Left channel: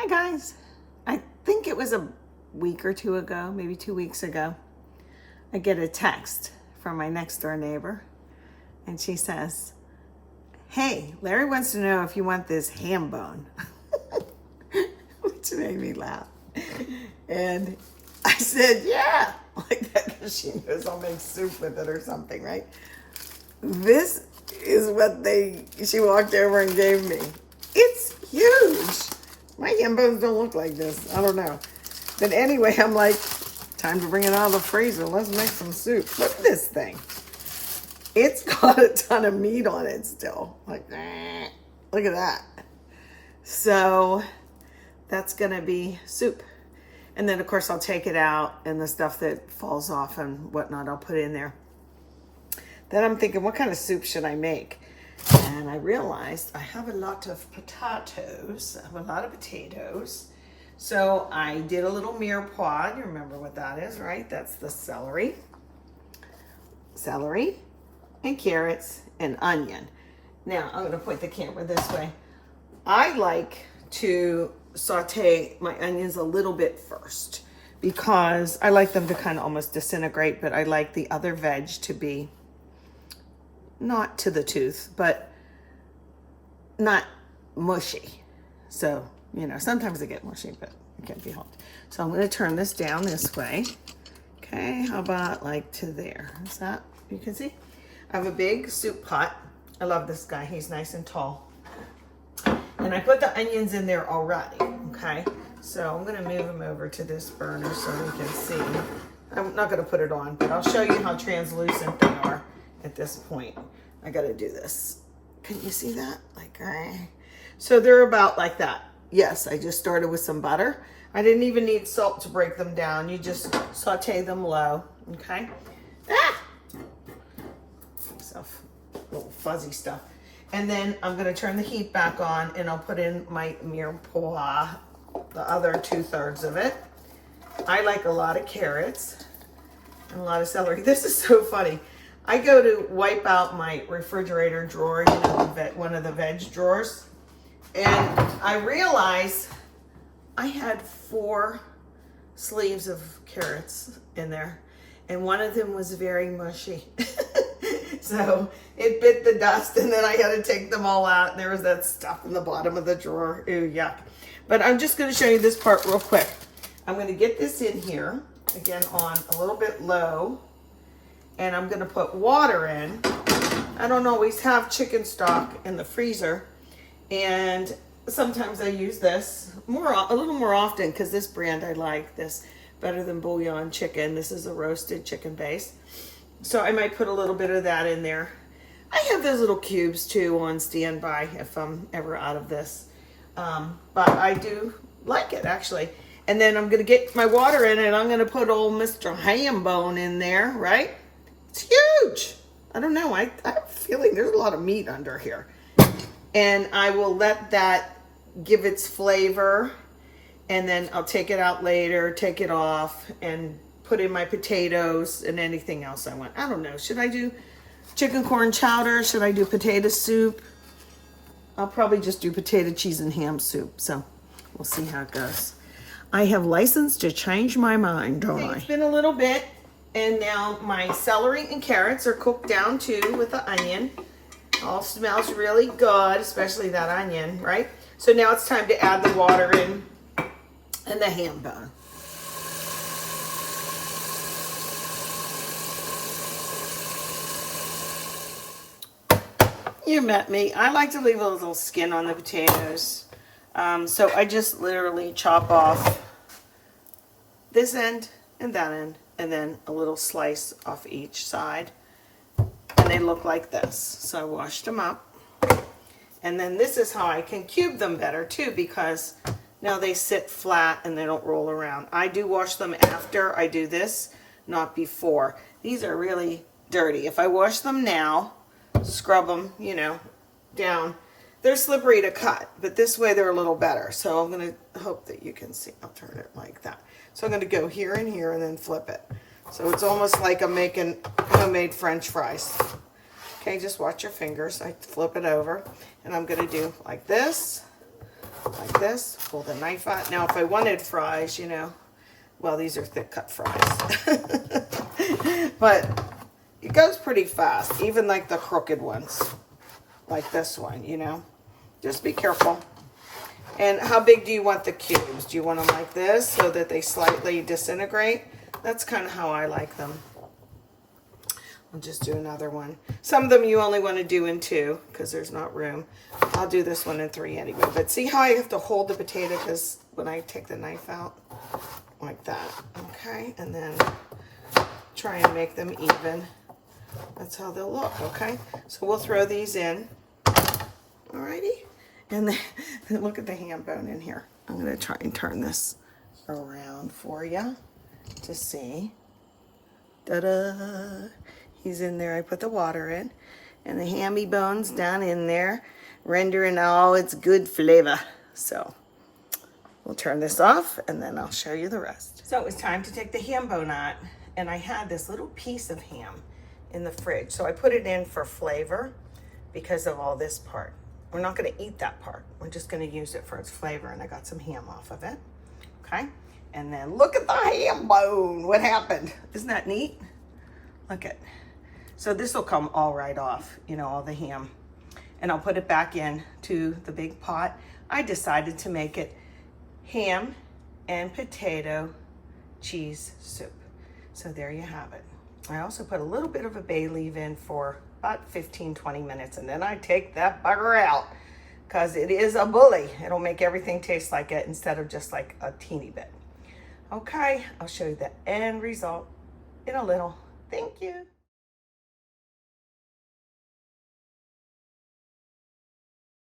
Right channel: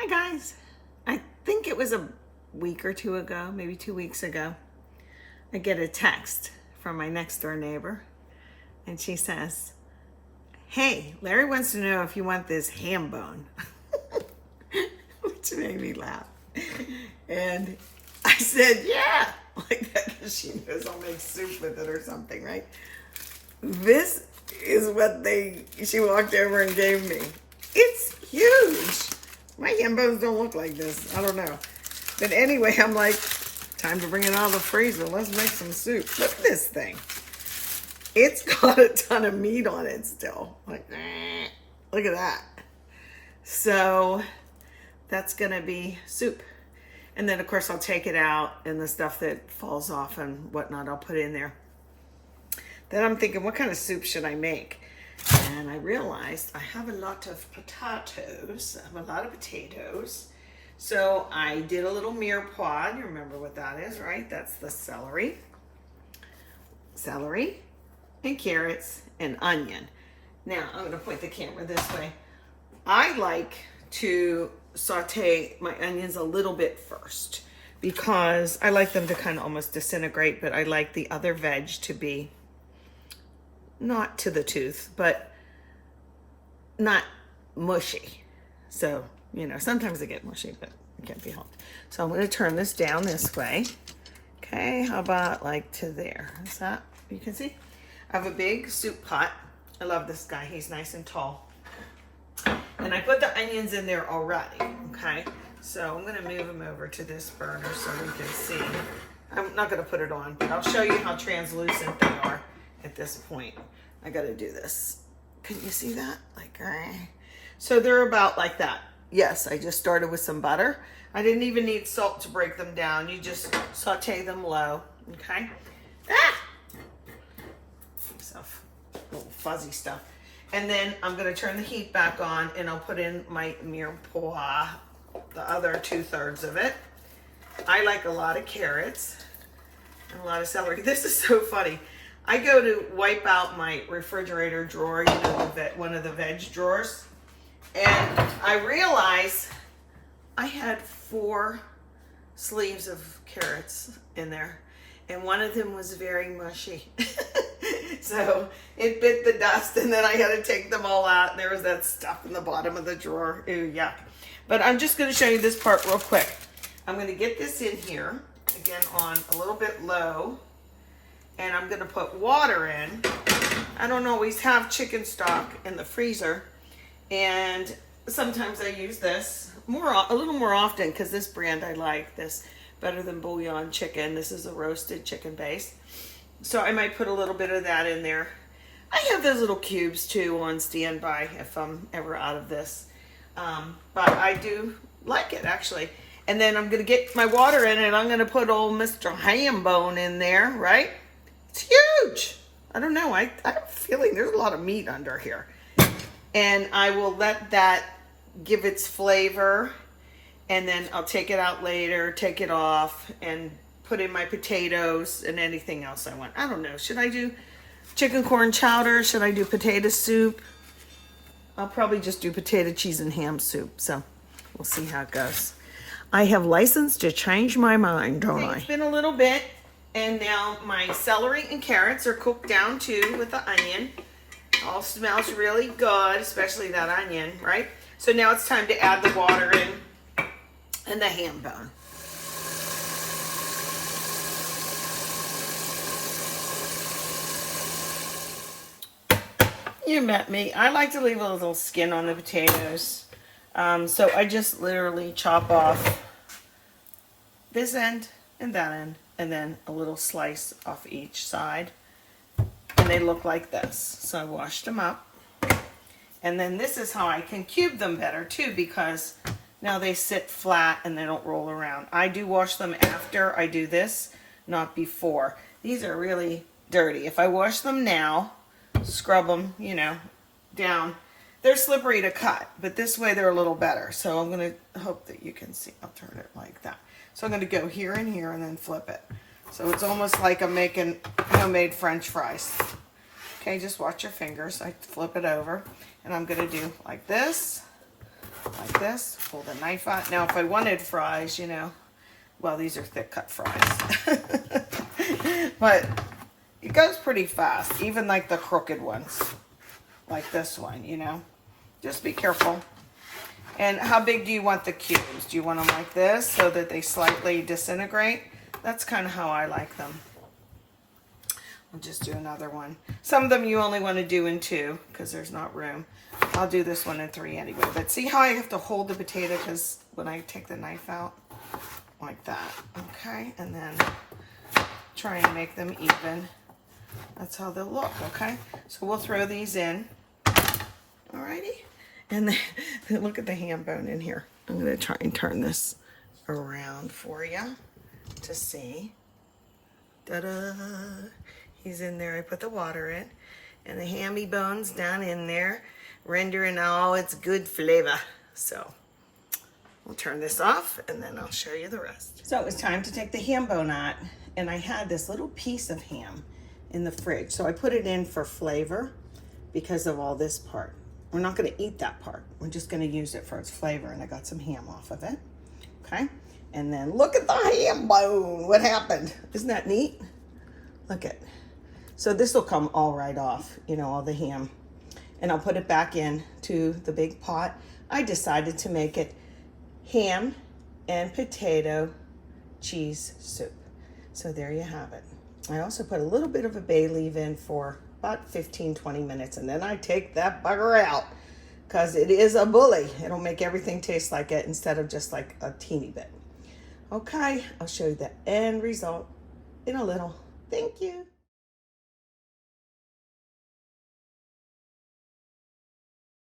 Hi guys. I think it was a week or two ago, maybe 2 weeks ago, I get a text from my next door neighbor and she says, "Hey, Larry wants to know if you want this ham bone," which made me laugh. And I said, "Yeah," like that because she knows I'll make soup with it or something, right? This is what she walked over and gave me. It's huge. My ham bones don't look like this. I don't know. But anyway, I'm like, time to bring it out of the freezer. Let's make some soup. Look at this thing. It's got a ton of meat on it still. Like, look at that. So that's going to be soup. And then, of course, I'll take it out and the stuff that falls off and whatnot, I'll put in there. Then I'm thinking, what kind of soup should I make? And I realized I have a lot of potatoes. I have a lot of potatoes. So I did a little mirepoix. You remember what that is, right? That's the celery. Celery and carrots and onion. Now, I'm going to point the camera this way. I like to saute my onions a little bit first because I like them to kind of almost disintegrate, but I like the other veg to be not to the tooth, but not mushy. So, sometimes they get mushy, but it can't be helped. So I'm going to turn this down this way. Okay, how about like to there? Is that, you can see? I have a big soup pot. I love this guy. He's nice and tall. And I put the onions in there already, okay? So I'm going to move them over to this burner so we can see. I'm not going to put it on, but I'll show you how translucent they are at this point. I got to do this. Can you see that? So they're about like that. Yes, I just started with some butter. I didn't even need salt to break them down. You just saute them low, okay? So little fuzzy stuff. And then I'm going to turn the heat back on and I'll put in my mirepoix, the other 2/3 of it. I like a lot of carrots and a lot of celery. This is so funny. I go to wipe out my refrigerator drawer, one of the veg drawers, and I realize I had 4 sleeves of carrots in there, and one of them was very mushy. So it bit the dust, and then I had to take them all out, and there was that stuff in the bottom of the drawer. Ew, yuck. But I'm just going to show you this part real quick. I'm going to get this in here, again on a little bit low, and I'm going to put water in. I don't always have chicken stock in the freezer, and sometimes I use this a little more often because this brand I like this better than bouillon chicken. This is a roasted chicken base. So I might put a little bit of that in there. I have those little cubes too on standby if I'm ever out of this. But I do like it actually. And then I'm going to get my water in and I'm going to put old Mr. Ham Bone in there, right? It's huge. I don't know. I have a feeling there's a lot of meat under here. And I will let that give its flavor. And then I'll take it out later, take it off, and put in my potatoes and anything else I want. I don't know. Should I do chicken corn chowder? Should I do potato soup? I'll probably just do potato, cheese, and ham soup. So we'll see how it goes. I have license to change my mind, don't I? It's been a little bit, and now my celery and carrots are cooked down too with the onion. All smells really good, especially that onion, right? So now it's time to add the water in and the ham bone. You met me. I like to leave a little skin on the potatoes. So I just literally chop off this end and that end, and then a little slice off each side. And they look like this. So I washed them up. And then this is how I can cube them better too, because now they sit flat and they don't roll around. I do wash them after I do this, not before. These are really dirty. If I wash them now, scrub them, down, they're slippery to cut, but this way they're a little better. So I'm going to hope that you can see. I'll turn it like that. So I'm going to go here and here and then flip it. So it's almost like I'm making homemade French fries. Okay, just watch your fingers. I flip it over, and I'm going to do like this, like this. Pull the knife out. Now, if I wanted fries, you know, well, these are thick cut fries. But it goes pretty fast, even like the crooked ones, like this one, you know. Just be careful. And how big do you want the cubes? Do you want them like this so that they slightly disintegrate? That's kind of how I like them. I'll just do another one. Some of them you only want to do in 2 because there's not room. I'll do this one in 3 anyway. But see how I have to hold the potato because when I take the knife out, like that. Okay, and then try and make them even. That's how they'll look, okay? So we'll throw these in. Alrighty. And then look at the ham bone in here. I'm going to try and turn this around for you to see. Ta-da! He's in there. I put the water in. And the hammy bone's down in there, rendering all its good flavor. So we'll turn this off and then I'll show you the rest. So it was time to take the ham bone out. And I had this little piece of ham in the fridge. So I put it in for flavor because of all this part. We're not going to eat that part. We're just going to use it for its flavor. And I got some ham off of it. Okay. And then look at the ham bone. What happened? Isn't that neat? Look at. So this will come all right off, you know, all the ham. And I'll put it back in to the big pot. I decided to make it ham and potato cheese soup. So there you have it. I also put a little bit of a bay leaf in for about 15-20 minutes, and then I take that bugger out because it is a bully. It'll make everything taste like it instead of just like a teeny bit. Okay, I'll show you the end result in a little. Thank you.